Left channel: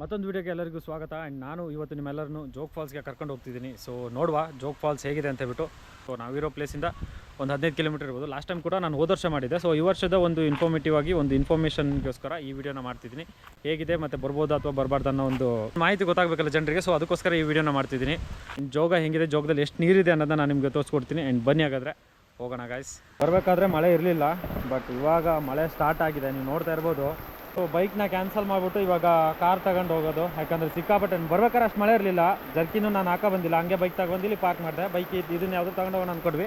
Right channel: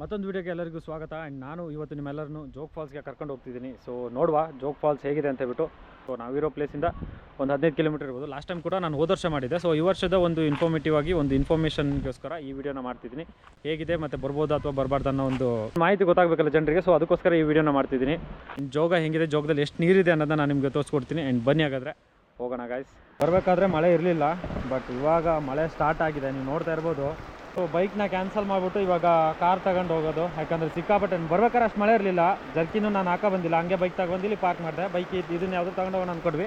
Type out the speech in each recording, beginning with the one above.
ಮತ್ತೊಂದು ವೀಡಿಯೋಗೆ ಎಲ್ಲರಿಗೂ ಸ್ವಾಗತ. ಆ್ಯಂಡ್ ನಾನು ಇವತ್ತು ನಿಮ್ಮೆಲ್ಲರನ್ನು ಜೋಗ್ ಫಾಲ್ಸ್ಗೆ ಕರ್ಕೊಂಡು ಹೋಗ್ತಿದ್ದೀನಿ. ಸೊ ನೋಡುವ ಜೋಗ್ ಫಾಲ್ಸ್ ಹೇಗಿದೆ ಅಂತ ಹೇಳ್ಬಿಟ್ಟು. ಸೊ ನಾವಿರೋ ಪ್ಲೇಸಿಂದ ಒಂದು 15 ಕಿಲೋಮೀಟರ್ ಇರ್ಬೋದು. ಲಾಸ್ಟ್ ಟೈಮ್ ಕೂಡ ನಾನು ಹೋದ ವರ್ಷ ಮಾಡಿದ್ದೆ. ಸೊ ಈ ವರ್ಷದ ಒಂದು ಇನ್ಫಾರ್ಮೇಟಿವ್ ಆಗಿ ಒಂದು ಇನ್ಫಾರ್ಮೇಷನ್ಗೋಸ್ಕರ ಈ ವಿಡಿಯೋನ ಮಾಡ್ತಿದ್ದೀನಿ. ಹೇಗಿದೆ ಮತ್ತು ಬರ್ಬೋದು ಅಥವಾ ಬರಬಾರ್ದು ಅನ್ನೋ ಒಂದು ಮಾಹಿತಿ ಗೊತ್ತಾಗಬೇಕಲ್ಲ ಜನರಿಗೆ. ಸೊ ಅದಕ್ಕೋಸ್ಕರ ಈ ವಿಡಿಯೋನ ಮಾಡ್ತಿದ್ದೀನಿ. ಜೋಗ ಹೆಂಗಿದೆ, ಜೋಗದಲ್ಲಿ ಎಷ್ಟು ನೀರಿದೆ ಅನ್ನೋದನ್ನ ನಾನು ನಿಮಗೆ ತೋರಿಸ್ಕೊಡ್ತೀನಿ. ಆ್ಯಂಡ್ ಬನ್ನಿ ಹಾಗಾದರೆ ಹೋಗೋಣ ಗಾಯ್ಸ್. ಬರಬೇಕಾದ್ರೆ ಮಳೆ ಇರಲಿಲ್ಲ, ಬಟ್ ಇವಾಗ ಮಳೆ ಸ್ಟಾರ್ಟ್ ಆಗಿದೆ, ನೀವು ನೋಡ್ತಾ ಇರ್ಬೋದು. ಸೊ ಬೈಕ್ನ ಕ್ಯಾನ್ಸಲ್ ಮಾಡಿಬಿಟ್ಟು ಇವಾಗ ಕಾರ್ ತಗೊಂಡು ಹೋಗೋದು. ಯಾಕಂದರೆ ಸಿಕ್ಕಾಪಟ್ಟೆ ಬರ್ಬೇಕಾದ್ರೆ ಅಷ್ಟು ಮಳೆ ಇರಲಿಲ್ಲ. ಜರ್ಕಿನೂ ನಾನು ಹಾಕೋ ಬಂದಿಲ್ಲ, ಹಂಗೆ ಬೈಕ್ ತಗೊಂಡು ಇಲ್ಲಿ ಪಾರ್ಕ್ ಮಾಡಿದೆ. ಬೈಕ್ ಇದನ್ನ ಯಾವುದೂ ತಗೊಂಡು ಹೋಗೋಣ ಅಂದ್ಕೊಡ್ವಿ,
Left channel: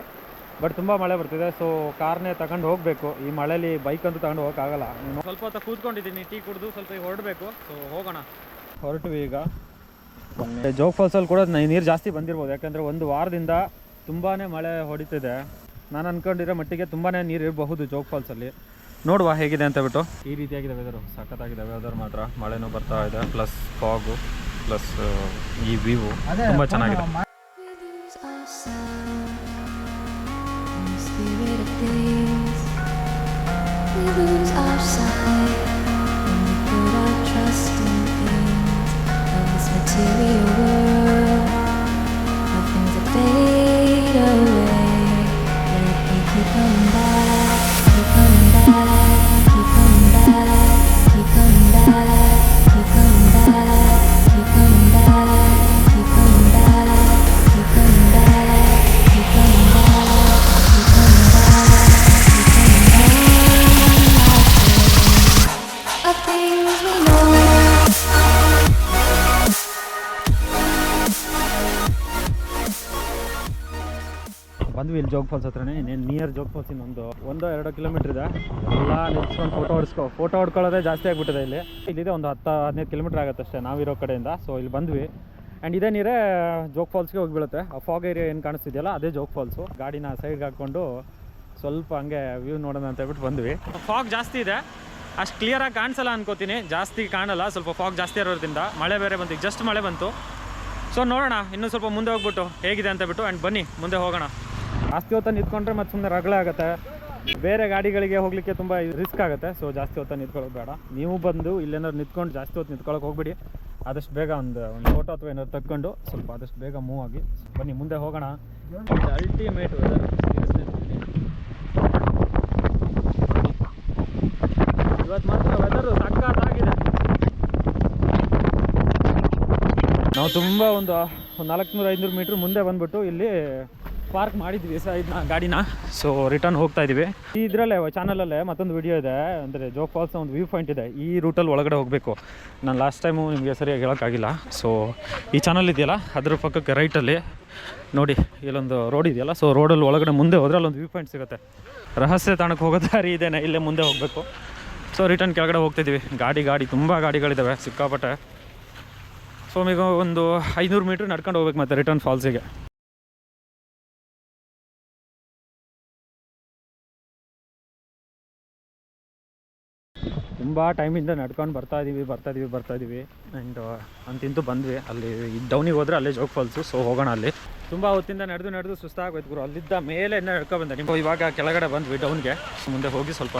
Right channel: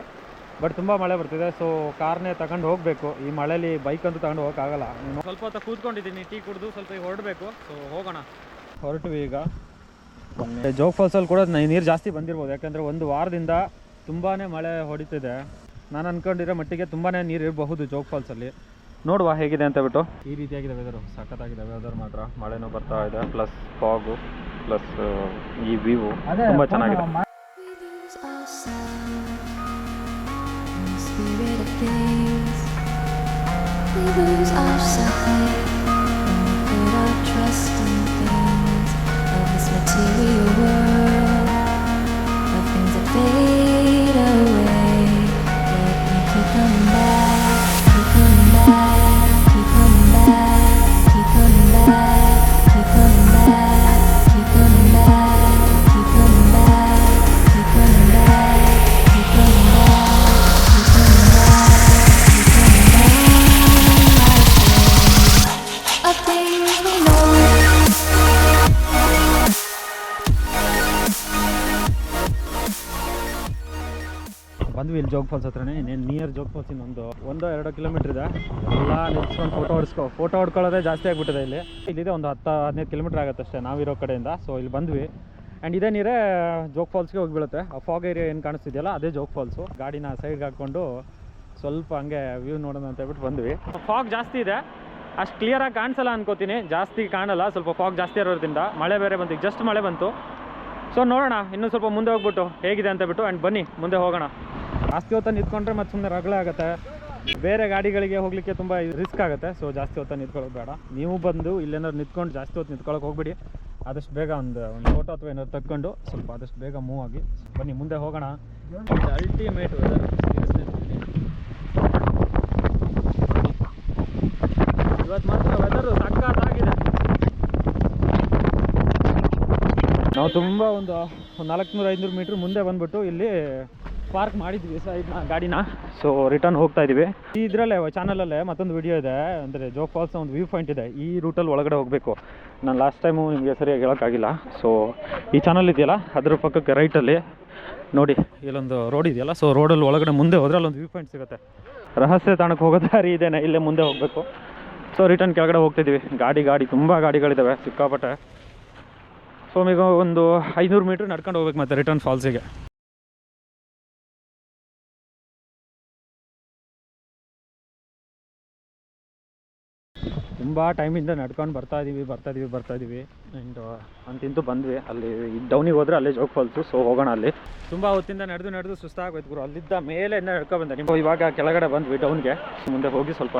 ಬಟ್ ತುಂಬ ಮಳೆ ಬರ್ತಿದೆ. ಸೊ ಕಾರ್ನೇ ತಗೊಂಡು ಹೋಗಬೇಕು. ಈ ಮಳೇಲಿ ಬೈಕ್ ಅಂತೂ ತಗೊಂಡು ಹೋಗೋಕ್ಕಾಗಲ್ಲ. ನೀನು ಸ್ವಲ್ಪ ಹೊತ್ತು ಕೂತ್ಕೊಂಡಿದ್ದೀನಿ, ಟೀ ಕುಡಿದು ಸ್ವಲ್ಪ ಈಗ ಹೊರಡಬೇಕು. ಸೊ ಹೋಗೋಣ, ಹೊರಟು ಈಗ. ಜೋಗ್ ಫಾಲ್ಸಲ್ಲಿ ಕೂಡ ನೀರು ಜಾಸ್ತಿ ಬಂದಿರ್ಬೋದು, ಯಾಕಂದರೆ ಒಂದು ವಾರದಿಂದ ತುಂಬಾ ಮಳೆ ಹೊಡಿತಿದೆ. ನಾನು ಅಂದ್ಕೊಂಡಿರೋ ಮಟ್ಟಿಗೆ ತುಂಬಾ ನೀರು ಇರಬಹುದು ಜೋಗ್ ಫಾಲ್ಸಲ್ಲಿ. ನೋಡುವ ಹೇಗಿದೆ ಅಂತ ಬಿಟ್ಟು. ಈ ರೀತಿಯಾಗಿದೆ ವೆದರು, ಸಖತ್ತಾಗಿದೆ ವೆದರ್ ಮಾತ್ರ. ಮಳೆನೂ ಬರ್ತಾ ಇದೆ, ಪ್ಲಸ್ ಫಾಗು, ಪ್ಲಸ್ ಈ ವ್ಯೂ ತುಂಬ ಚೆನ್ನಾಗಿದೆ. ಬಂದ್ವಿ ಇಲ್ಲಿ ಜೋಗ್ ಫಾಲ್ಸ್ ಹತ್ರನೇ. ಇನ್ನೇನು ನಿಯರ್ ಜೋಗ್ ಫಾಲ್ಸ್ ಇನ್ನೊಂದು 1-2 ಕಿಲೋಮೀಟ್ರ್ ಇದೆ. ಎಲ್ಲ ನಿಲ್ಸ್ಕೊಂಡು ಫೋಟೋ ಹೊಡ್ಕೊಳ್ಳೋದೇ ಜಾಸ್ತಿ ಆಗಿಬಿಟ್ಟಿದೆ ಇಲ್ಲಿ. ಇಲ್ಲಿದೆ ಒಂದು 10-15 ಕಿಲೋಮೀಟ್ರ್ ಆಗುತ್ತೆ ಅಷ್ಟೇ ನಾವಿರೋ ಕಡೆಯಿಂದ. ಸೊ ಇಲ್ಲಿ ಬಂದ್ವಿ. ಆ್ಯಂಡ್ ಇದೇ ನೀರೇ ಜೋಗ್ ಫಾಲ್ಸ್ಗೆ ಹೋಗಿಬೀಳುತ್ತೆ. ಆ ಫಾಗ್ ಏರಿಯಾ ಏನು ಕಾಣಿಸ್ತಿದೆಯಲ್ಲ ಅದೇ ಜೋಗ್ ಫಾಲ್ಸು. ಗಾಡಿನ ಸೈಡ್ಗೆ ಹಾಕ್ಕೊಂಡು ಸ್ವಲ್ಪ ಹಂಗೆ ವ್ಯೂ ನೋಡೋಣ ಅಂತ ಹೇಳ್ಬಿಟ್ಟು ಬಂದ್ವಿ. ಫಾಗ್ ಜಾಸ್ತಿ ಇದೆ, ಅಷ್ಟು ಕ್ಲಿಯರಾಗಿ ಕಾಣಿಸಲ್ಲ ಅನ್ಕೋತೀನಿ. ಜಾಸ್ತಿ ಕಾಣಲ್ಲ, ಸ್ವಲ್ಪ ಫಾಗ್ ಜಾಸ್ತಿ ಇರೋದ್ರಿಂದ. ಮಳೆ ಬೇರೆ ಬಂತು, ಈಗ ಜಸ್ಟ್ ಮಳೆ ಬಂತು. ಸೊ ನೋಡೋಣ ಇನ್ನೂ ಸ್ವಲ್ಪ ಮುಂದೆ ಹೋಗ್ಬಿಟ್ಟು ಹೇಗಿದೆ ಅಂತ ಬಿಟ್ಟು. ಆ್ಯಂಡ್ ಬನ್ನಿ ಮುಂದೆ ಹೋಗೋಣ. ಜಾಸ್ತಿ ಹೊತ್ತು ನಿಂತ್ಕೊಂಡ್ರೆ ಮತ್ತೆ ಸುಮ್ಮನೆ ರಗಳೆ ಆಗುತ್ತೆ, ಬೇರೆ ಗಾಡಿಗಳಿಗೆ ಹೋಗಲಿಕ್ಕೆ ತುಂಬ ರಿಸ್ಕ್ ಆಗುತ್ತೆ. ಸೊ ಜಾಸ್ತಿ ಹೊತ್ತು ನಿಂತ್ಕೊಳ್ಳೋದು ಬೇಡ. ನೀವು ಬಂದು ಇಲ್ಲೇನಾದ್ರು ನಿಂತ್ಕೊಂಡು ಜಾಸ್ತಿ ಹೊತ್ತು ನಿಂತ್ಕೊಳ್ಳೋಕೆ ಹೋಗ್ಬಿಡಿ. ಆದಷ್ಟು ಬೇಗ ಒಂದು ಫೋಟೋ ಅಥವಾ ಏನಾದ್ರು ತಕ್ಕೊಂಡು ಸ್ವಲ್ಪ ಆದಷ್ಟು ಬೇಗ ಮೂವ್ ಆಗಿ. ಬನ್ನಿ ಮುಂದೆ ಹೋಗೋಣ. ಅಲ್ಟಿಮೇಟ್ ವೆದರ್, ಇವತ್ತು ಮಾತ್ರ ವೆದರು ಸಖತ್ತಾಗಿದೆ. ನಾವು ತುಂಬ ಒಂದು 400-500 ಮೀಟ್ರ್ ಮುಂದೆ ಬಂದ್ಬಿಟ್ಟು ಇಲ್ಲಿ ಪಾರ್ಕ್ ಮಾಡಿದ್ವಿ ಇದನ್ನ ಗಾಡಿನ. ಸೊ ರಿಟರ್ನ್ ಹೋಗ್ತಾ ಇದ್ದೀವಿ. ಇದರಲ್ಲೇ ಚಾನಲಲ್ಲೇ ಮತ್ತೊಂದು ವಿಡಿಯೋ ಇದೆ, ಅಂದರೆ ಜೋಗ್ ಫಾಲ್ಸ್ನ ಒಂದು ವ್ಯೂ ಪಾಯಿಂಟ್ ಇದೆ. ಈ ರೂಟಲ್ಲಿ ಒಳಗಡೆ ಹೋಗಬೇಕು. ನಾನು ಲಾಸ್ಟ್ ಟೈಮು ನಿಮಗೆ ಸರಿಯಾಗಿ ಹೇಳೋಕ್ಕಾಗಿಲ್ಲ. ಸೊ ಈ ಚಾನಲ್ ಇದೆಯಲ್ಲ ಅದ್ರ ಪಕ್ಕಕ್ಕೆ ರೈಟಲ್ಲಿ ನೋಡಿ ಇಲ್ಲೊಂದು ರೋಡ್ ಇದೆಯಲ್ಲ. ಸೊ ರೋಡಲ್ಲಿ ಒಳಗಡೆ ಮುಂದೆ ಹೋದ್ರೆ ಅಲ್ಲೊಂದು ವ್ಯೂ ಪಾಯಿಂಟ್ ಸಿಗುತ್ತೆ. ರಹಸ್ಯ ತಾಣಕ್ಕೆ ಹೋಗೋ ದಾರಿ ಇದೇನೆ, ಇಲ್ಲೇ ಮುಂದೆ ಹೋಗಬೇಕು. ಸೊ ರಿಟರ್ನ್ ಕೆಳಗಡೆ ಹೋಗ್ತಿದ್ದೀವಿ. ಗಾಡಿ ತುಂಬ ಗಾಡಿಗಳಿದ್ದಾವೆ ಸಿಕ್ಕಾಪಟ್ಟೆ. ಸೊ ಈಗ ಒಂದು 500 ಮೀಟ್ರ್ ನಡ್ಕೊಂಡು ಹೋಗ್ಬೇಕು ಮತ್ತೆ ರಿಟರ್ನ್ ಫಾಲ್ಸಿಗೆ. ತುಂಬ ಟೈಮಿಂದ ನಡ್ಕೊಂಡು ಬರ್ತಾ ಇದ್ದೀವಿ. ಆ್ಯಂಡ್ ಅಂತಿಂತೂ ಬಂದ್ವಿ. ಅಲ್ಲಿ ಡೌನಿಗೆ ಹೋದರೆ ಅಲ್ಲೇ ಜೋಗ್ ಫಾಲ್ಸು. ಸೊ ಹೋಗೋಣ ಅಲ್ಲಿ. ತುಂಬ ಹೊತ್ತಿಂದ ನಡೆದು ಸುಸ್ತಾಗೋಯ್ತು ಗುರು. ಅಲ್ಲಿದ್ದ ಮೇಲೆ ನಡ್ಕೊಬಂದೆ. ನೀವು ಇವಾಗ ಕೆಳಗಡೆ ಬಂದ್ವಿ ಡೌನ್ಗೆ. ಮುಂದೆ ಹೋಗಿ ಸ್ವಲ್ಪ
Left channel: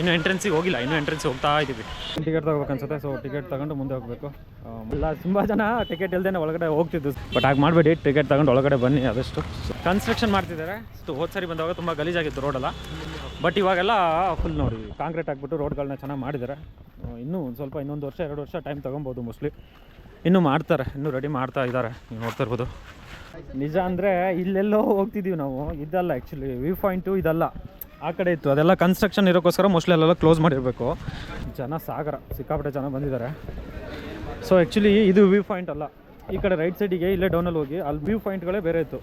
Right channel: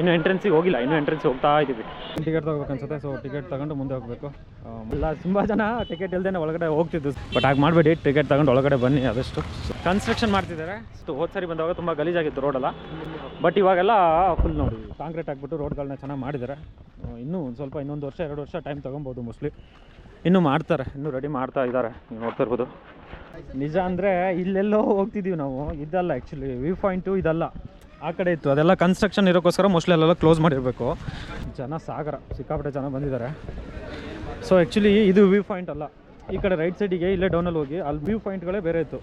ಇನ್ನೂ ಎಂಟ್ರೆನ್ಸಿಗೆ ಹೋಗಿಲ್ಲ, ಇನ್ನೂ ಎಂಟ್ರೆನ್ಸ್ ಹೋಗ್ತಾ ಇದ್ದೀವಿ. ಟಿಕೆಟ್ ತೊಗೋಬೇಕು ಅನ್ಸುತ್ತೆ. ಸೊ ಟಿಕೆಟ್ ತಗೊಂಡು ಮುಂದೆ ಹೋಗಬೇಕು. ಎಲ್ಲ ತುಂಬ ಜನ ಟಿಕೆಟ್ ಇಲ್ಲದೇ ಒಳಗಡೆ ಹೋಗ್ತಿದ್ದು, ಬಟ್ ಹಾಗೆ ಮಾಡಬೇಡಿ, ಟಿಕೆಟ್ ತಗೊಂಡು ಒಳಗಡೆ ಬನ್ನಿ ಆದಷ್ಟು. ಕನ್ಸ್ಟ್ರಕ್ಷನ್ ಮಾಡ್ತಿದ್ದಾರೆ. ಸೊ ಹೋದ ಸರಿ ಬಂದಾಗ ತುಂಬ ಗಲೀಜಾಗಿತ್ತು ರೋಡೆಲ್ಲ, ಬಟ್ ಇವಾಗೆಲ್ಲ ಫುಲ್ ನೋಡಿ ಕಾಂಕ್ರೀಟ್ ಹಾಕ್ಬಿಟ್ಟು ರೋಡ್ಗಳನ್ನ ಚೆನ್ನಾಗಿ ಮಾಡಿದ್ದಾರೆ. ಇನ್ನೂ ಸ್ವಲ್ಪ ಇನ್ನೊಂದು ವರ್ಷ 2 ವರ್ಷ ಟೈಮ್ ತೊಗೊಬೋದು ಮೋಸ್ಟ್ಲಿ. ಇನ್ನೂ ಮಾಡ್ತಾರೆ, ಇನ್ನೂ ರೆಡಿ ಮಾಡ್ತಾ ಇದ್ದಾರೆ, ನೀವು ನೋಡ್ತಾ ಇರ್ಬೋದು. ನಿಜ ಅಂದರೆ ಇಲ್ಲೆಲ್ಲೋ ಹೋಗ್ತಿದ್ದೀವಿ ನಾವು, ಇದಲ್ಲ ಆ್ಯಕ್ಚುಲಿ ವ್ಯೂ ಪಾಯಿಂಟು ಇದಲ್ಲ, ಆ ಕಡೆ ಇತ್ತು. ಅದೆಲ್ಲ ಕನ್ಸ್ಟ್ರಕ್ಷನ್ ಇರೋಕ್ಕೋಸ್ಕರ ಮೋಸ್ಟ್ಲಿ ಅಲ್ಲೆಲ್ಲ ಕ್ಲೋಸ್ ಮಾಡಿರಬೇಕು. ಜನ ಸಾಗರ, ಸಿಕ್ಕಾಪಟ್ಟೆ ಜನ ಬಂದಿದ್ದಾರೆ. ಸೊ ಆ್ಯಕ್ಚುಲಿ ಇದು ವ್ಯೂ ಪಾಯಿಂಟ್ ಅಲ್ಲ. ಈ ಕಡೆ ರೈಟ್ ಸೈಡಿಗೆ ಇಲ್ಲೇ ಡೌನಲ್ಲಿ ಹೋಗಿ ಅಲ್ಲಿ ವ್ಯೂ ಪಾಯಿಂಟ್ಗಳೇ ಬೇರೆ ಇತ್ತು.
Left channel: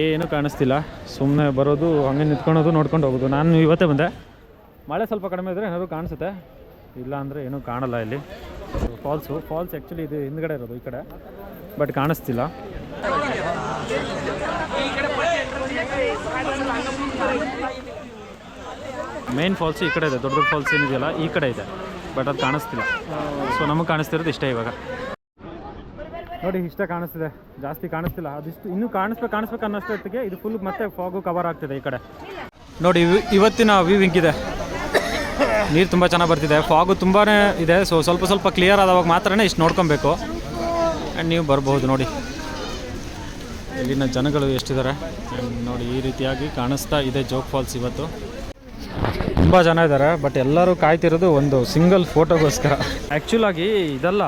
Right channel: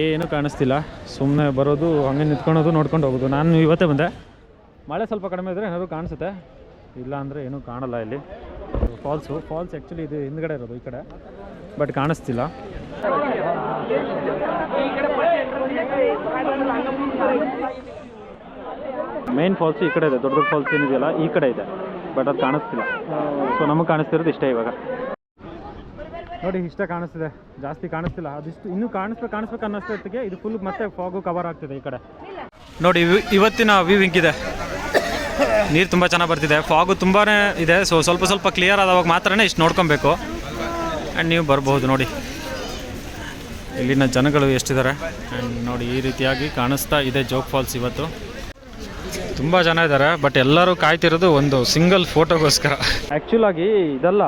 ಏನೂ ಕಾಣಿಸ್ತಿಲ್ಲ, ಸುಮ್ಮನೆ ಬರೋದು ಹಂಗೆ ನಿಂತ್ಕೊಳೋದು ನೋಡ್ಕೊಂಡು ಹೋಗೋದು. ನಾನು ಇವತ್ತೇ ಬಂದೆ. ಮಳೆ ಸ್ವಲ್ಪ ಕಡಿಮೆ ಇದ್ದರೆ ಏನಾದರೂ ಕಾಣಿಸುತ್ತೆ, ಇಲ್ಲ ಅಂದರೆ ಏನೂ ಕಾಣಲ್ಲ ಇಲ್ಲಿ. ಫಾಲ್ಸ್ ಆ್ಯಕ್ಚುಲಿ ಇದು ಹಿಂದ್ಗಡೆ ಇರೋದು ಈ ಕಡೆ, ಬಟ್ ಕಾಣಿಸ್ತಿಲ್ಲ. ಮೇನ್ ಫಾಲ್ಸು ಈ ಕಡೆ ಇದೆ, ದೊಡ್ಡ ಫಾಲ್ಸ್ ಏನಿದೆಯಲ್ಲ ಈ ಕಡೆ ಇದೆ, ಬಟ್ ಅದು ಕಾಣಿಸ್ತಿಲ್ಲ. ಸೊ ನಮಗೆ ಕಾಣಿಸ್ತಿರೋದು ಇಷ್ಟೇ ಇವಾಗ. ನೋಡಿ ಇಷ್ಟೇ ಕಾಣಿಸ್ತಿದೆ, ಜಾಸ್ತಿ ಕಾಣಿಸ್ತಿಲ್ಲ. ಅದಿಷ್ಟು ಇನ್ನೂ ಕಾಣಿಸ್ಬೇಕು ಅನ್ನೋಷ್ಟೊತ್ತಿಗೆ ಇದು ಫುಲ್ ಮತ್ತೆ ಫಾಗು ಕವರ್ ಆಗ್ತಿದೆ ಈ ಕಡೆ. ನೋಡಿ ಇವತ್ತಿನ ವ್ಯೂ ಹಿಂಗಿದೆ. ನೀರು ತುಂಬ ಚೆನ್ನಾಗಿ ಬರ್ತಿದೆ, ಫಾಗು ತುಂಬಾ ಇದೆ. ಸೊ ಸ್ವಲ್ಪ ಸ್ವಲ್ಪ ಕ್ಲಿಯರ್ ಆದವಾಗ ಮಾತ್ರನೇ ಇಷ್ಟು ನೋಡ್ಕೊಬೇಕು. ಆ್ಯಂಡ್ ನೀವು ಬರ್ಬೋದು ನೋಡಿ ಇಲ್ಲಿನ ಜನಗಳು ಎಷ್ಟಿದ್ದಾರೆ. ಆ್ಯಂಡ್ ನೋಡಿ ಈ ರೀತಿಯಾಗಿ ಕಾಣಿಸ್ತಾ ಇದೆ ಜೋಗ್ ಫಾಲ್ಸ್. ಇವತ್ತು ತುಂಬ ಜನ ಇದ್ದಾರೆ, ಬಟ್ ಎಲ್ಲರೂ ಕಾಯ್ತಿರೋದು ಒಂದು ಸಿಂಗಲ್ ಫೋಟೋಗೋಸ್ಕರ. ಆ್ಯಕ್ಚುಲಾಗಿ ಇದೆಲ್ಲ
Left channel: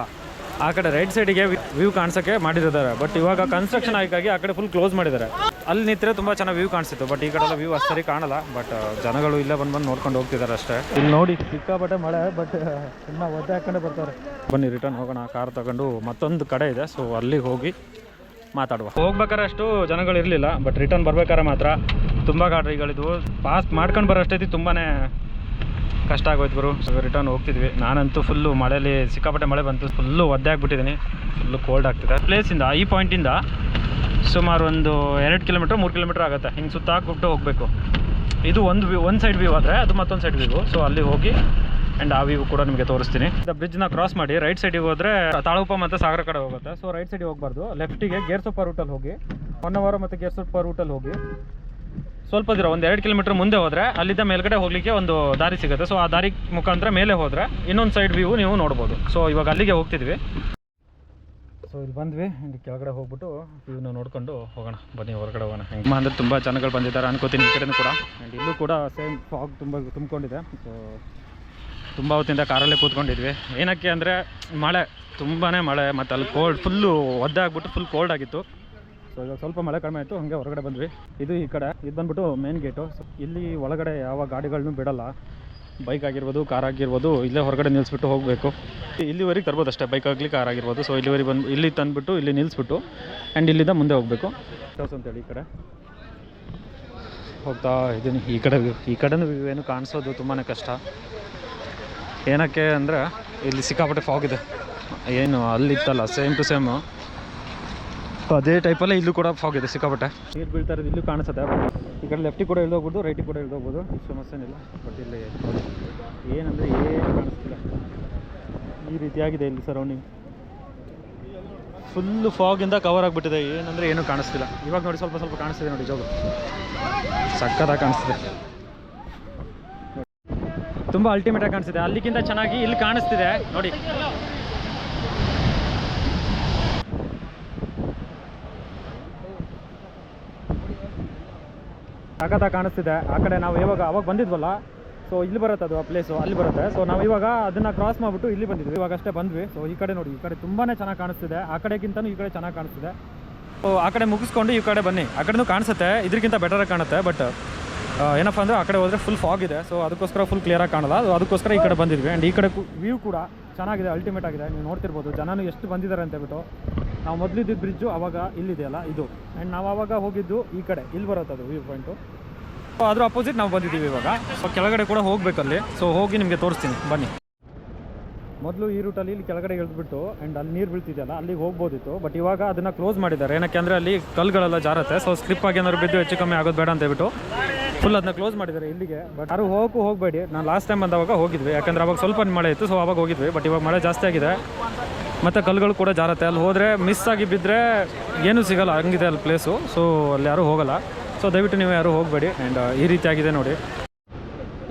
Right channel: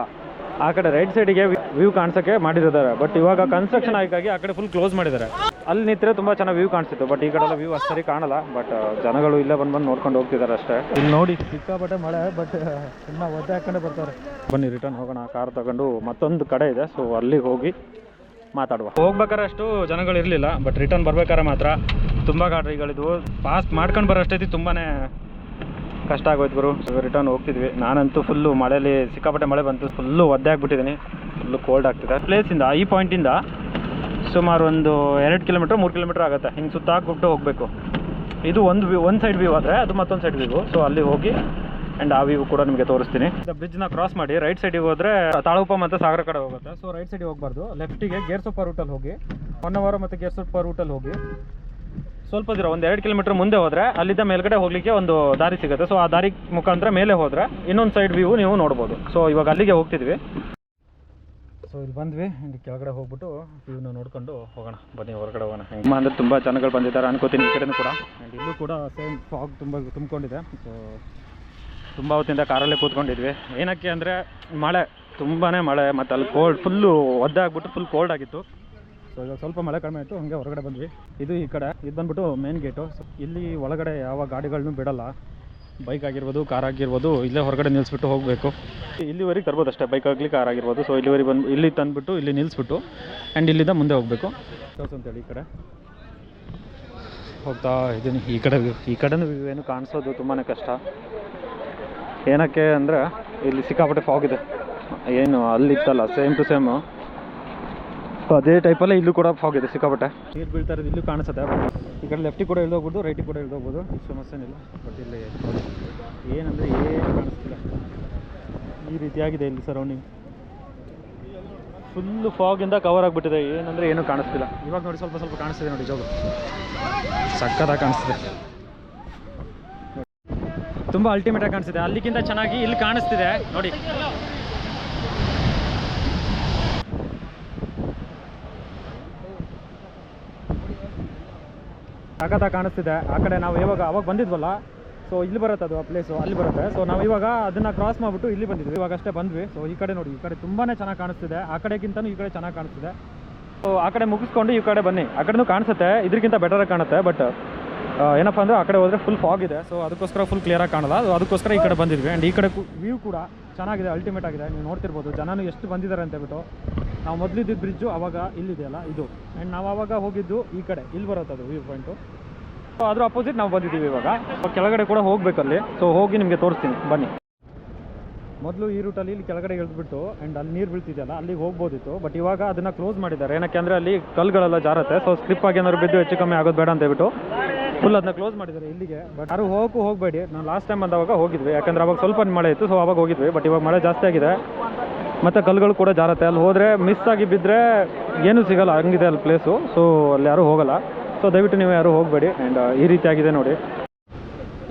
ಆ ಕಡೆ ರೈಟ್ ಸೈಡಿಗೆ ವ್ಯೂ ಕಾಣಿಸೋಕ್ಕೆ ಮಾಡಿದ್ದಾರೆ, ಬಟ್ ಇವಾಗ ಕನ್ಸ್ಟ್ರಕ್ಷನ್ ಆಗಿ ಆ ಕಡೆ ಫುಲ್ ಕ್ಲೋಸ್ ಮಾಡಿದ್ದಾರೆ. ಅಲ್ಲಿ ನಿಂತರೆ ತುಂಬ ಚೆನ್ನಾಗಿ ವ್ಯೂ ಕಾಣಿಸ್ತಿತ್ತು, ಬಟ್ ಈ ಕಡೆ ಎಲ್ಲ ವ್ಯೂ ಅಷ್ಟು ಸರಿ ಕಾಣಲ್ಲ. ಬಟ್ ಜನಗಳು ಇಲ್ಲೇ ಬಂದು ನೋಡ್ಕೊಂಡು ಹೋಗ್ತಿದ್ದಾರೆ ಅಷ್ಟೇ. ಇಲ್ಲಿ ನೋಡಿ ಸಿಕ್ಕಾಪಟ್ಟೆ ಮಳೆ, ಬಟ್ ತುಂಬ ಒದ್ದೆ ಹಾಕೊಂಡೇ ಬರ್ತಾರೆ. ಬನ್ನಿ ರಿಟರ್ನ್ ಹೋಗೋಣ. ಕಾರ್ ತಗೊಂಡು ಮತ್ತೊಂದು ಕಡೆ ಇದೆ, ಸೊ ಅಲ್ಲಿಗೆ ಹೋಗಿ ಮಾತಾಡುವ. ಹೋಗ್ಬೇಕಾದ್ರೆ ಅಷ್ಟು ಜನಗಳು ಇರಲಿಲ್ಲ, ಬಟ್ ರಿಟರ್ನ್ ಬರ್ಬೇಕಾದ್ರೆ ಮಾತ್ರ ತುಂಬ ಗಾಡಿಗಳಿದ್ವು. ಪಾಸ್ ಮಾಡ್ಕೊಂಡು ಬರೋ ಅಷ್ಟೈತಿ ತುಂಬಾ ಕಷ್ಟ ಆಗೋಯ್ತು ಗುರು. ಸೊ ರಿಟರ್ನ್ ಹೋಗ್ತಿದ್ವಿ. ನಾನಂತೂ ಫುಲ್ಲು ಮಳೆಯಲ್ಲಿ ಸಿಕ್ಕಾಪಟ್ಟೆ ಮಳೆ ಬಂತು, ಫುಲ್ಲು ಒದ್ದೆ ಆಗಿಬಿಟ್ಟಿದ್ದೀನಿ, ಫುಲ್ಲು ಕೋಲ್ಡ್ ಆಗ್ತಿದೆ. ಪ್ಲೇಸಿಂದ ಈ ಪಾಯಿಂಟಿಂದ ಸುಮಾರು ಒಂದು 2 ಕಿಲೋಮೀಟ್ರ್ 3 ಕಿಲೋಮೀಟ್ರ್ ಆಗುತ್ತೆ. ಹಿಂಗೆ ಸುತ್ತ ಹಾಕ್ಬಿಟ್ಟು ಹೋಗಬೇಕು. ಇದು ಒಂದು ಸೈಡ್ ವ್ಯೂ ಆದರೆ ಅದು ಮತ್ತೊಂದು ಸೈಡ್ ವ್ಯೂ. ಸೊ ಅಲ್ಲಿ ಹೋಗಿ ಆ್ಯಂಡ್ ಆ ವ್ಯೂ ಕೂಡ ನಿಮಗೆ ತೋರಿಸ್ತೀನಿ. ಬ್ರಿಡ್ಜ್ನ ಕ್ರಾಸ್ ಮಾಡಿ ರೈಟ್ ಸೈಡಿಗೆ ಹೋದರೆ ತಾಳಗುಪ್ಪ ಮತ್ತು ಸಾಗರ ಕಡೆ ಹೋಗುತ್ತೆ. ಸೊ ರೈಟ್ ಸೈಡಿಗೆ ಹೋಗಬಾರ್ದು, ಲೆಫ್ಟಿಗೆ ಗೇರ್ಸೊಪ್ಪ ರೂಟಲ್ಲಿ ಹೋಗಿ, ಹೊನ್ನವರ ಮತ್ತು ಗೇರ್ಸೊಪ್ಪ ರೂಟಲ್ಲಿ ಹೋಗಿ ಸ್ವಲ್ಪ ದೂರ ಒಂದು 2 ಕಿಲೋಮೀಟ್ರ್ ಮುಂದೆ ಹೋದರೆ ಅಲ್ಲಿದ್ದ ಮೇಲ್ಗಡೆ ಹೋಗಲಿಕ್ಕೆ ಒಂದು ದಾರಿ ಸಿಗುತ್ತೆ. ಸೊ ಆ ದಾರಿ ಮುಖಾಂತರ ಮೇಲೆ ಹೋದರೆ ಇನ್ನೊಂದು ಸೈಡ್ ವ್ಯೂ ನೀವು ನೋಡ್ಬೋದು. ಸೊ ಇವಾಗ ಅಲ್ಲಿಗೆ ಹೋಗ್ತಿದ್ವಿ. ಸೊ ಇಲ್ಲಿ ಬಂದ್ವಿ, ಇಲ್ಲಿ ಕೆಳಗಡೆ ಹೋಗ್ಬಿಟ್ಟು ವ್ಯೂನ ನೋಡ್ಕೊಂಡು ಹೋಗೋಣ. ಬನ್ನಿ ಹೊರಗಡೆ ಹೋಗೋಣ. ಹೆಂಗೆ ಅಂದರೆ ತುಂಬ ಜನಗಳು ಬಂದಿದ್ದಾರೆ ಅನ್ಕೋತೀನಿ ಈ ಕಡೆನೂ ಕೂಡ. ಆ್ಯಂಡ್ ಇಲ್ಲೂ ಕೂಡ ಸೇಮ್ ಫಾಗ್ ತುಂಬಿಕೊಂಡಿದೆ. ಸೊ ತುಂಬ ಹೊತ್ತಿಂದ ಕಾರಲ್ಲೇ ಕೂತ್ಕೊಂಡಿದ್ವಿ. ಏನಕ್ಕೆ ಅಂದರೆ ಮಳೆ, ತುಂಬಾ ಮಳೆ, ಮತ್ತು ಅಲ್ಲಿ ಫುಲ್ಲು ಒದ್ದೆ ಆಗಿಬಿಟ್ಟು ಫುಲ್ ಕೋಲ್ಡ್ ಆಗಿತ್ತು. ಸೊ ಇವಾಗ ಸ್ವಲ್ಪ ಮಳೆ ಕಡಿಮೆ ಆಯಿತು, ಹಾಗೆ ಹೊರಗಡೆ ಬಂದ್ವಿ. ಇದು ಈ ಕಡೆ, ಇದು ಬಂದ್ಬಿಟ್ಟು ಮೇನ್ ಗೇಟು. ಸೊ ಇಲ್ಲಿ ಒಳಗಡೆ ಯಾವ ಗಾಡಿಗಳನ್ನೂ ಬಿಡಲ್ಲ, ಬೈಕ್ ಆಗಿರ್ಬೋದು ಕಾರ್ ಆಗಿರ್ಬೋದು ಇಲ್ಲೇ ಹೊರಗಡೆ ನಿಲ್ಲಿಸ್ಬಿಟ್ಟು ಹೋಗಬೇಕು. ಇಲ್ಲಿವರೆಗೆ ತರ್ಬೋದು ಅಷ್ಟೇ, ಬೈಕ್ ಆಗಲಿ ಕಾರ್ ಆಗಿರ್ಬೋದು. ಸೊ ಇಲ್ಲಿವರೆಗೆ ಬಂದು ಇಲ್ಲಿ ತಂದುಬಿಟ್ಟು ಇಲ್ಲಿ ನಿಲ್ಲಿಸ್ಬಿಟ್ಟು ಆ್ಯಂಡ್ ಇಲ್ಲಿಂದ ಮುಂದೆ ಹೋಗಬೇಕು ಅಂತೇಳಿ ಈ ಕಡೆ ಹೋಗ್ತಾ ಇದ್ದೀನಿ. ಈ ಕಡೆನೂ ಏನು ಕಾಣಿಸೋದು ತುಂಬಾ ಕಷ್ಟ. ಏನಕ್ಕೆ ಅಂದರೆ ಇಲ್ಲಿ ಸಿಕ್ಕಾಪಟ್ಟೆ ಫಾಗ್ ಇದೆ. ಏನು ಅಲ್ಲಿತ್ತಲ್ಲ ಸೇಮ್ ಟು ಸೇಮು ಅದೇ ಟೈಪಲ್ಲೇ ಇಲ್ಲೂ ಕೂಡ ಫಾಗ್ ಇದೆ ಸಿಕ್ಕಾಪಟ್ಟೆ. ನೀರು ಬೀಳ್ತಾ ಇರೋದು ಇಲ್ಲೂ ಕಾಣಿಸುತ್ತೆ. ಈ ಕಡೆ ಲೆಫ್ಟಿಗೆ ಕೂಡ ಇಳ್ದೋಗ್ಬೋದು, ರೈಟಿಗೆ ಕೂಡ ಇಳ್ದೋಗ್ಬೋದು, ಸಮಸ್ಯೆನಿಲ್ಲ. ಬಟ್ ಇಲ್ಲಿ ನೋಡಿ ಏನಂದರೆ ಏನು ಕಾಣಿಸ್ತಿಲ್ಲ. ಈ ರೀತಿಯಾಗಿದೆ ಇಲ್ಲಿ ಸರೌಂಡಿಂಗ್, ಫುಲ್ಲು ಫಾಗಿಂದ ಕವರ್ ಆಗಿಬಿಟ್ಟಿದೆ. ಏನಂದರೆ ಏನೂ ಕಾಣಿಸ್ತಿಲ್ಲ. ಇವಾಗ ನೋಡಿ ಸ್ವಲ್ಪ ಸ್ವಲ್ಪ ಕಾಣಿಸ್ತಿದೆ ನೋಡಿ, ಜೋಗ ಸಕ್ಕತ್ತಾಗಿ ಕಾಣಿಸ್ತಿದೆ, ತುಂಬ ಅಲ್ಟಿಮೇಟಾಗಿ ಕಾಣಿಸ್ತಿದೆ. ಅಲ್ಲಿಗಿಂತ ಚೆನ್ನಾಗಿ ಇಲ್ಲಿ ಕಾಣಿಸ್ತಿದೆ ನೋಡಿ. ಸಖತ್ತಾಗಿ ಕಾಣಿಸ್ತಿದೆ. ಆ ಕಡೆ ನಾವು ಅವಾಗ ಬಂದಿದ್ವಲ್ಲ, ಸೊ ಇಲ್ಲಿ ಬರುತ್ತೆ ಅದು ಆ ಪ್ಲೇಸು, ಅಲ್ಲಿ ಬರುತ್ತೆ. ಸೊ ನಾವು ಇವಾಗ ಅದನ್ನು ಕ್ರಾಸ್ ಮಾಡಿಬಿಟ್ಟು ಇಲ್ಲಿ ಬಂದಿದ್ವಿ, ಇವಾಗ ಅಷ್ಟೇ ಬಂದ್ವಿ. ಸೊ ಈ ಕಡೆ ನೋಡಿ, ಈ ಕಡೆ ತುಂಬಾ ಚೆನ್ನಾಗಿ ಕಾಣಿಸ್ತಿದೆ. ಆ ಕಡೆಗಿಂತನೂ ಈ ಕಡೆ ಚೆನ್ನಾಗಿ ಕಾಣಿಸ್ತಿದೆ. ಸೊ ಆ ಕಡೆ ಮುಗಿಸ್ಕೊಂಡು ಈ ಕಡೆ ಬನ್ನಿ. ಆ ಕಡೆನೂ ಕಾಣಿಸುತ್ತೆ, ಇದಕ್ಕಿಂತ ಬೆಟರಾಗಿ ಕಾಣುತ್ತೆ. ಬಟ್ ಏನಪ್ಪ ಅಂದರೆ ಆ ಕಡೆ ಹೋದರೆ ಫುಲ್ ಫಾಗ್ ಇದೆ. ಸೊ ಅದಕ್ಕೋಸ್ಕರ ಫುಲ್ ಕ್ಲಿಯರಾಗಿ ಕಾಣಲ್ಲ. ಅದಕ್ಕೋಸ್ಕರ ಈ ಕಡೆ ಬಂದಿದ್ವಿ. ಆ್ಯಂಡ್ ಈ ಕಡೆ ವ್ಯೂ ಕೂಡ ಚೆನ್ನಾಗಿದೆ, ಅಲ್ಟಿಮೇಟ್ ಆಗಿದೆ. ನೀವು ನೋಡ್ತಿರ್ಬೋದು ಜನನು ಎಷ್ಟು ಬಂದಿದ್ದಾರೆ ಅಂತೇಳ್ಬಿಟ್ಟು. ನಾವು ಮೊದಲಿದ್ದಿದ್ದು ಬ್ರಿಡ್ಜು ಆವಾಗ ಇಲ್ಲಿದೆಯಲ್ಲ ಇದು, ಆ್ಯಂಡ್ ನಾವು ಆವಾಗ ಹೋಗಿದ್ದು ಈ ಕಡೆ, ಇಲ್ಲಿ ಬರುತ್ತೆ ಅದು ವ್ಯೂ ಪಾಯಿಂಟು. ಸೊ ಅದ್ರ ಅಪೋಸಿಟ್ ನಾವು ಬಂದಿದ್ದೀವಿ ಇವಾಗ. ಸೊ ಕೆಳಗಡೆ ಕೂಡ ಹೋಗಬೇಕಲ್ಲಿ. ಸೊ ಹೋಗಿ ನಿಮಗೆ ತೋರಿಸ್ತೀನಿ ಬನ್ನಿ. ಮೊದಲು ಈ ರೂಟಲ್ಲಿ ಇಲ್ಲಿ ಕೆಳಗಡೆ ಇಳಿದ್ಬಿಟ್ಟು ಆ್ಯಂಡ್ ಅಲ್ಲಿ ನೀರು ಬೀಳ್ತಿದೆಯಲ್ಲ ಅಲ್ಲಿಗೆ ಹೋಗ್ಬೋದಿತ್ತು. ಬಟ್ ಇವಾಗ ಅದನ್ನು ಕ್ಲೋಸ್ ಮಾಡಿದ್ದಾರೆ. ಏನಕ್ಕೆ ಅಂದರೆ ಅಲ್ಲಿ ಕಲ್ಲುಗಳೆಲ್ಲ ಜಾರತ್ತೆ. ಸೊ ಸ್ಲಿಪ್ ಆಗಿ ಏನಾದ್ರು ಬಿದ್ದು ಹೆಚ್ಚು ಕಮ್ಮಿ ಆಗೋದು ಬೇಡ ಅಂತ ಹೇಳ್ಬಿಟ್ಟು ಫುಲ್ ಅದನ್ನ ಕ್ಲೋಸ್ ಮಾಡಿದ್ದಾರೆ ಇಲ್ಲಿಗೆ. ಬಟ್ ಯಾರು ಹೋಗಬೇಡಿ. ನಾನು ಲಾಸ್ಟ್ ಟೈಮ್ ಬಂದವಾಗ ಹೋಗಿದ್ವಿ, ಯಾಕಂದರೆ ಅವಾಗ ಸ್ವಲ್ಪ ಮಳೆ ಇತ್ತು. ಸೊ ಅವಾಗ ಹೋಗಿದ್ವಿ. ಬಟ್ ಇವಾಗ ಮಳೆ ಜಾಸ್ತಿ ಆಗಿದೆ ಮತ್ತು ಕಲ್ಲುಗಳು ಕೂಡ ಜಾರತ್ತೆ. ಅಲ್ಲಿ ಹೋದರೆ ಮಿಸ್ ಆಗಿ ಬಿದ್ದರೆ ಏನೂ ಸಿಗೋಲ್ಲ, ಹಂಗಿದೆ ಅಲ್ಲಿ ಪ್ಲೇಸು. ಸೊ ಅಲ್ಲಿ ಯಾರೂ ಹೋಗೋಲ್ಲ. ಸೊ ದಯವಿಟ್ಟು ನೀವು ಯಾರೂ ಹೋಗಬೇಡಿ. ಆ್ಯಂಡ್ ಈ ರೀತಿಯಾಗಿದೆ ನೋಡಿ.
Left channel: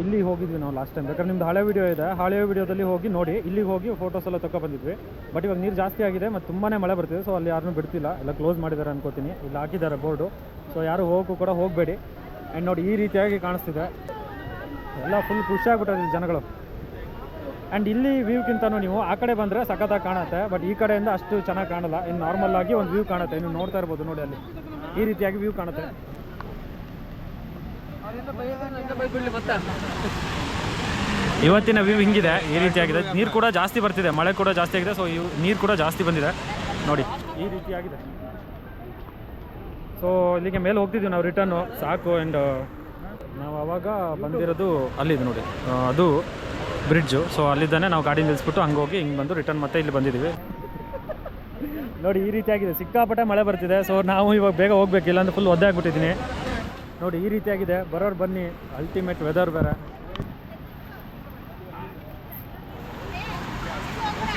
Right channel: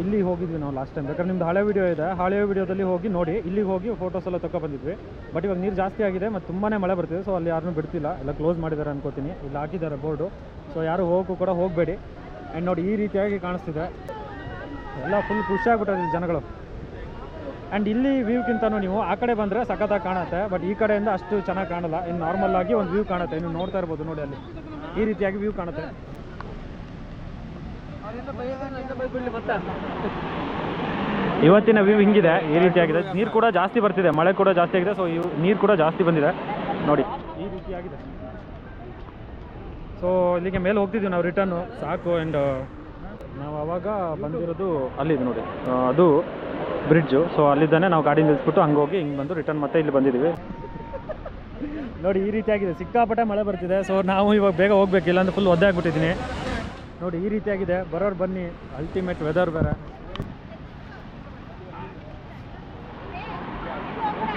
ಇಲ್ಲಿ ಹೋಗಿದ್ವಿ ನಾವು ಲಾಸ್ಟ್ ಟೈಮ್. ಬೇಕಾದ್ರೆ ನಿಮ್ದು ಹಳೆ ವೀಡಿಯೋ ಇದೆ, ಹಳೆ ವೀಡಿಯೋದಲ್ಲಿ ಹೋಗಿ ನೋಡಿ. ಇಲ್ಲಿಗೆ ಹೋಗಿ ಫೋಟೋಸ್ ಎಲ್ಲ ಬಂದಿದ್ವಿ. ಬಟ್ ಇವಾಗ ನೀರು ಜಾಸ್ತಿ ಆಗಿದೆ ಮತ್ತು ತುಂಬಾ ಮಳೆ ಬರ್ತಿದೆ. ಸೊ ಅಲ್ಲಿ ಯಾರನ್ನೂ ಬಿಡ್ತಿಲ್ಲ, ಎಲ್ಲ ಕ್ಲೋಸ್ ಮಾಡಿದ್ದಾರೆ ಅನ್ಕೋತೀನಿ. ಇಲ್ಲಿ ಹಾಕಿದ್ದಾರೆ ಬೋರ್ಡು. ಸೊ ಯಾರು ಕೂಡ ಹೋಗಬೇಡಿ. ಆ್ಯಂಡ್ ನೋಡಿ ಈ ರೀತಿಯಾಗಿ ಕಾಣಿಸ್ತಿದೆ, ಎಲ್ಲ ಫುಲ್ ಖುಷಿಯಾಗ್ಬಿಟ್ಟಿದೆ ಜನಗಳು. ಆ್ಯಂಡ್ ಇಲ್ಲಿ ವ್ಯೂಕ್ಕಿಂತನೂ ನೀವು ಆ ಕಡೆ ಬಂದರೆ ಸಖತ್ತಾಗಿ ಕಾಣುತ್ತೆ. ಬಟ್ ಈ ಕಡೆಯಿಂದ ಅಷ್ಟು ಚೆನ್ನಾಗಿ ಕಾಣಲ್ಲ. ಇನ್ನು ನಾರ್ಮಲ್ ಆಗಿ ಒಂದು ವ್ಯೂ ಕಾಣುತ್ತೆ. ನೀವು ನೋಡ್ತಾ ಇರ್ಬೋದು ನೋಡಿ, ಅಲ್ಲಿ ಈ ರೀತಿಯಾಗಿ ವ್ಯೂ ಕಾಣುತ್ತೆ. ಇವತ್ತಿನ ವ್ಯೂ ಹಿಂಗಿದೆ, ಈ ರೀತಿಯಾಗಿದೆ. ನೀರು ಕೂಡ ಜಾಸ್ತಿ ಬರ್ತಿದೆ, ಮಳೆ ಕೂಡ ಜಾಸ್ತಿ ಆಗಿದೆ. ಸೊ ನೀರು ಕೂಡ ಜಾಸ್ತಿ ಬಂದಿದೆ ನೋಡಿ, ಈ ರೀತಿಯಾಗಿದೆ. ಸೊ ಇಲ್ಲಿಗೆ ಮೇಲೆ ಹೋಗ್ತಿದ್ವಿ ನಾವು ರಿಟರ್ನು, ಸಾಕು. ಆ್ಯಂಡ್ ನಾವು ಆವಾಗ ಬಂದಿರೋದು ಅಲ್ಲಿದ್ದು ನೋಡಿ, ಅದು ಬ್ರಿಡ್ಜು. ಸೊ ಅಲ್ಲಿದ್ದಾನೆ ನಾವು ಗಾಡಿ ನಿಲ್ಲಿಸ್ಬಿಟ್ಟು ಹಂಗೆ ಹೋಗಿ ಹಿಂಗೆ ಬಂದು ರಿಟರ್ನ್ ಮತ್ತೆ ಇಲ್ಲಿ ಬಂದಿದ್ದೀವಿ ನೋಡಿ. ಈ ರೀತಿಯಾಗಿದೆ, ಸಿಕ್ಕಾಪಟ್ಟೆ ಮಳೆ ಬರ್ತಿದೆ. ಸೊ ನಾವು ಇವಾಗ ಬೇಗ ಹೋಗ್ಬೇಕು, ಇಲ್ಲಾಂದ್ರೆ ಫುಲ್ ಒದ್ದೆ ಆಗಿಬಿಟ್ಟಿದ್ದೀನಿ ನೋಡಿ. ಈ ರೀತಿಯಾಗಿದೆ, ಬರೋರು ಬನ್ನಿ. ಅಲ್ಟಿಮೇಟ್ ವೆದರ್ ಬೇರೆ.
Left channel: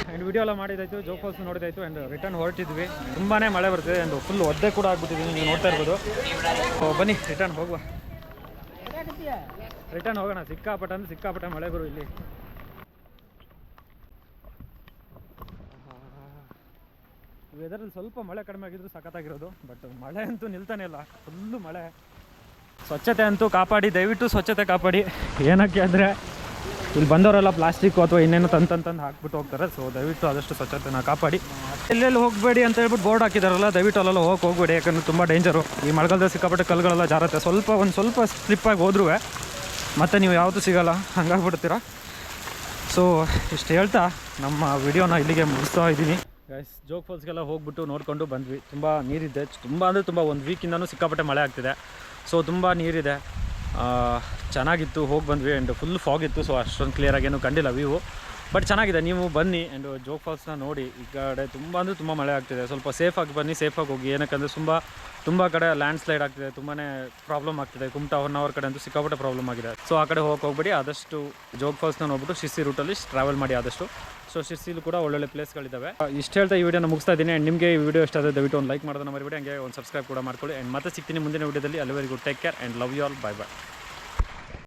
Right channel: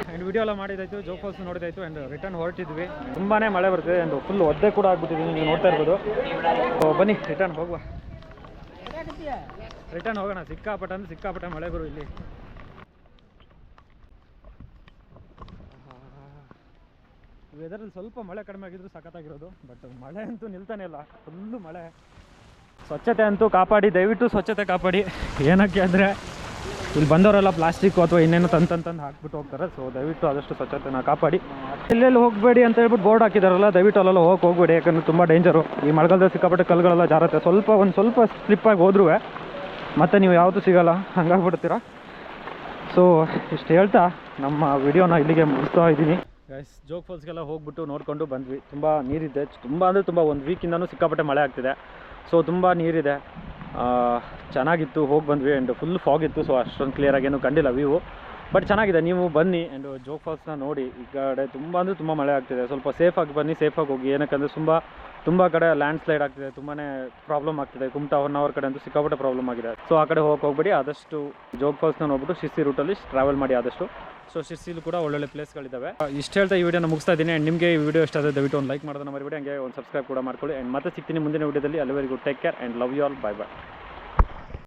ಆ್ಯಂಡ್ ವಿಡಿಯೋ ಎಲ್ಲ ಮಾಡಿದಾಯಿತು, ಜೋಗ್ ಫಾಲ್ಸ್ ನೋಡಿದಾಯಿತು. ಆ್ಯಂಡ್ ರಿಟರ್ನ್ ಹೊರಟಿದ್ವಿ. ತುಂಬಾ ಮಳೆ ಬರ್ತಿದೆ ಆ್ಯಂಡ್ ಫುಲ್ ಒದ್ದೆ ಕೂಡ ಆಗ್ಬಿಟ್ಟಿದ್ದೀನಿ, ನೀವು ನೋಡ್ತಾ ಇರ್ಬೋದು. ಸೊ ಬನ್ನಿ ರಿಟರ್ನ್ ಹೋಗುವ. ರಿಟರ್ನ್ ಹೋಗೋಣ. ಸಿಕ್ಕಾಪಟ್ಟೆ ಅಂದರೆ ಸಿಕ್ಕಾಪಟ್ಟೆ ಮಳೆ ಗುರು ಇಲ್ಲಿ. ವೆದರಲ್ಲಿ ಸ್ವಲ್ಪ ಮಳೆ ಕಡಿಮೆ ಆಗಿದ್ರು ಸಖತ್ತಾಗಿರೋದು. ಬಟ್ ಮಳೆ ಅಂತೂ ನಿಲ್ತಾನೆ ಇಲ್ಲ, ಫುಲ್ಲು ಮಳೆ. ಸ್ವಚ್ಛತೆ ಅಂತೂ ಕಾಪಾಡಿ, ದಯವಿಟ್ಟು ಸ್ವಚ್ಛತೆ ಕಾಪಾಡಿ. ಏನಕ್ಕೆ ಅಂದರೆ ಇಲ್ಲಿ ಬಂದವರೆಲ್ಲ ಪ್ಲಾಸ್ಟಿಕ್ಕು ಅಥವಾ ಇನ್ನೇನು ತಂದು ಹಾಕ್ಬಿಟ್ಟು ಹೋಗ್ತಾರೆ. ಸೊ ದಯವಿಟ್ಟು ಆದಷ್ಟು ಸ್ವಚ್ಛತೆನ ಕಾಪಾಡಿ. ಎಲ್ಲೆಲ್ಲಿ ಹೋಗಬೇಡಿ ಅಂತ ಹೇಳ್ಬಿಟ್ಟು ಬೋರ್ಡ್ ಹಾಕಿದಾರಲ್ಲ, ದಯವಿಟ್ಟು ಅಲ್ಲೆಲ್ಲ ಹೋಗಬೇಡಿ. ಯಾಕಂದರೆ ತುಂಬ ಡೇಂಜರು. ಈ ಮಳೆಗಾಲದಲ್ಲಿ ಸಿಕ್ಕಾಪಟ್ಟೆ ಕಲ್ಲುಗಳೆಲ್ಲ ಜಾರತ್ತೆ. ಸ್ವಲ್ಪ ಸ್ಲಿಪ್ಪಾಗಿ ಹೋದ್ರೂ ಮತ್ತು ನೀವು ಯಾವತ್ತೂ ಸಿಗೋಲ್ಲ, ಹಂಗಾಗ್ಬಿಡ್ತೀರ. ಸೊ ಇಷ್ಟು ಹೇಳ್ತಾ ನಮ್ಮ ವಿಡಿಯೋನ ಇಲ್ಲಿಗೆ ಮುಗಿಸ್ತಾ ಇದ್ದೀನಿ ಗೈಸ್. ಜೋಗ್ ಫಾಲ್ಸ್ಗೆಲ್ಲ ಹೋಗ್ಬಿಟ್ಟು ನೋಡಿಕೊಂಡು ಬಂದ್ವಿ. ತುಂಬ ನೀರಿದೆ, ತುಂಬ ಅಂದರೆ ತುಂಬ. ಒಂದು ವೀಕಿಂದನೂ ಸಿಕ್ಕಾಪಟ್ಟೆ ಮಳೆ ಆಗ್ತಿದೆ. ಸೊ ತುಂಬ ನೀರಿದೆ, ಚೆನ್ನಾಗಿತ್ತು. ಹೋಗಿ ಬಂದ್ವಿ. ಆ್ಯಂಡ್ ಫುಲ್ ಫಾಗ್ ಇತ್ತು, ಸೊ ಅಷ್ಟೊಂದು ಕ್ಲಿಯರಾಗಿ ಏನೂ ಕಂಡಿಲ್ಲ ವ್ಯೂ. ಬಟ್ ಚೆನ್ನಾಗಿದೆ, ನೀವು ಬನ್ನಿ ಆ್ಯಂಡ್ ಜೋಗ್ ಫಾಲ್ಸ್ನ ನೋಡಿ. ಈ ಕಡೆ ತುಂಬ ಅಂದರೆ ತುಂಬ ಮಳೆ ಆಗ್ತಿದೆ. ಸ್ವಲ್ಪ ಸೇಫಾಗಿ ಬನ್ನಿ, ಸೇಫಾಗಿ ಹೋಗಿ. ಏನಕ್ಕಂದರೆ ತುಂಬ ಕಡೆ ಲ್ಯಾಂಡ್ ಸ್ಲೈಡ್ ಆಗ್ತಿದೆ, ತುಂಬಾ ಪ್ರಾಬ್ಲಮ್ ಆಗ್ತಿದೆ. ಕುಮಟಾ ಹೊನ್ನಾವರ್ ಕಡೆ ಅಂತೂ ಸಿಕ್ಕಾಪಟ್ಟೆ ಪ್ರಾಬ್ಲಮ್ ಆಗಿದೆ. ಸೊ ಆ ಕಡೆ ಹೋಗಬೇಡಿ. ಆದಷ್ಟು ಜೋಗ್ ಫಾಲ್ಸ್ನ ನೋಡ್ಬಿಟ್ಟು ಶಿರ್ಸಿ ರೂಟಲ್ಲಿ ಟ್ರಾವೆಲ್ ಮಾಡಿ ಆದಷ್ಟು. ಸೊ ಶಿರ್ಸಿಲೂ ಕೂಡ ಒಳ್ಳೊಳ್ಳೆ ಪ್ಲೇಸ್ಗಳಿದ್ದಾವೆ. ಇಷ್ಟು ಹೇಳ್ತಾ ಈ ವಿಡಿಯೋನ ಮುಗಿಸ್ತಾ ಇದ್ದೀನಿ. ಆ್ಯಂಡ್ ನಿಮಗೆ ಈ ವಿಡಿಯೋ ಇಷ್ಟ ಆದರೆ ದಯವಿಟ್ಟು ಒಂದು ಲೈಕ್ ಮಾಡೋದನ್ನ ಮರಿಬೇಡಿ. ಹಂಗೆ ಒಂದು ಸಬ್ಸ್ಕ್ರೈಬ್ ಕೂಡ ಮಾಡ್ಕೊಳ್ಳಿ. ಆ್ಯಂಡ್ ಮತ್ತೆ ಸಿಗ್ತೀನಿ ಮುಂದಿನ ವಿಡಿಯೋದಲ್ಲಿ. ಅಲ್ಲಿವರೆಗೂ take care and love you all. Bye bye.